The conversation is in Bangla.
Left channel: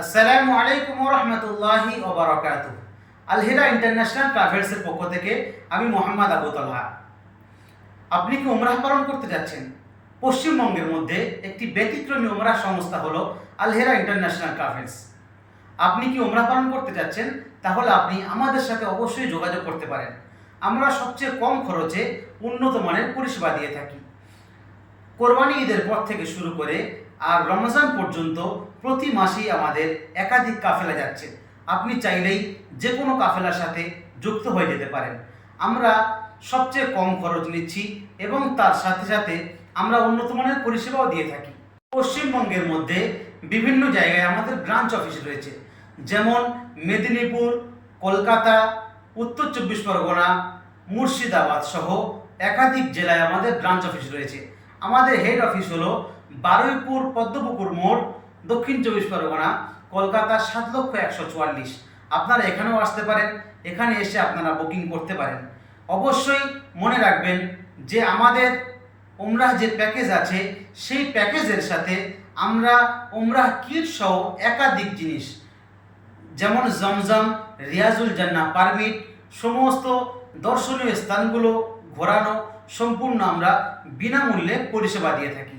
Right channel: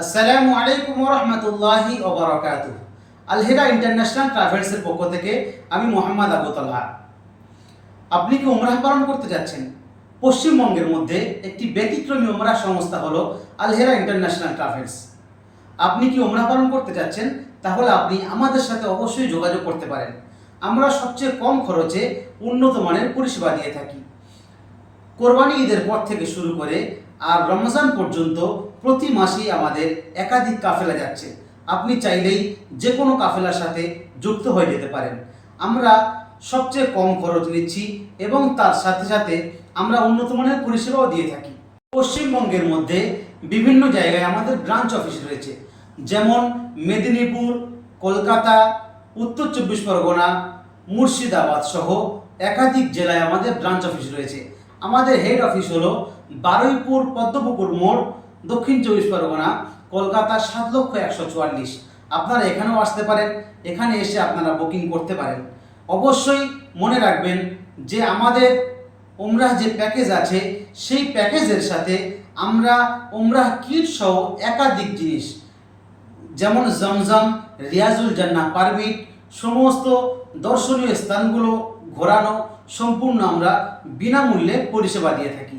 আসসালামু আলাইকুম রহমতুল্লাহি ওবরাকাতু। আলহিরা ইন্টারন্যাশনাল ট্রাভেলসের পক্ষ থেকে আমি মোহাম্মদ আবু তালহা। আপনি কি উমরাহ পালন করতে যাচ্ছেন? পশ্চিমবঙ্গের মধ্যে একটি ব্যতিক্রমী উমরাহ সংস্থা হলো আলহিরা ইন্টারন্যাশনাল ট্রাভেলস। আপনি কি উমরাহ পালন করতে যাচ্ছেন? তাহলে আপনি আমাদের সাথে অবশ্যই যোগাযোগ করতে পারেন। আমরা সবচেয়ে কম খরচে উন্নত মানের পরিষেবা দিয়ে থাকি। কোরবানি ঈদের পর থেকে শুরু করে আর রমজান পর্যন্ত প্রতি মাসেই আমাদের একাধিক কাফেলা যাচ্ছে। আপনি চাইলেই যে কোনো কাফেলার সাথে যুক্ত হয়ে যেতে পারেন। আমরা সবচেয়ে কম খরচ নিচ্ছি এবং তার সাথে সাথে আমরা উন্নত মানের পরিষেবাও দিয়ে থাকি। পশ্চিমবঙ্গের মধ্যে বিভিন্ন জায়গায় আমাদের ব্রাঞ্চ অফিস রয়েছে, যেমন মেদিনীপুর, কলকাতা, উত্তর চব্বিশ পরগনা, মুর্শিদাবাদ সহ একাধিক জেলায় আমাদের ব্রাঞ্চ অফিস রয়েছে। আমাদের হেড অফিস হলো বারুইপুর পদ্মপুকুর মোড়, দক্ষিণ চব্বিশ পরগনা, কলকাতা ৭,১৪৪। আপনারা এখানেও আসতে পারেন, এখানে এসে আপনারা বুকিং করতে পারেন। অবশ্যই মনে রাখবেন যে আমাদের উমরাহ যে প্যাকেজ আছে সেই প্যাকেজের সাথে আমরা উমরাহ কিট সহ একাধিক জিনিস, যেমন জমজম, রিয়াজুল জান্নাহ পারমিট, সমস্ত দর্শনীয় স্থানগুলো ঘোরানো সম্পূর্ণ আমরা বিনামূল্যে পরিষেবা দিয়ে থাকি।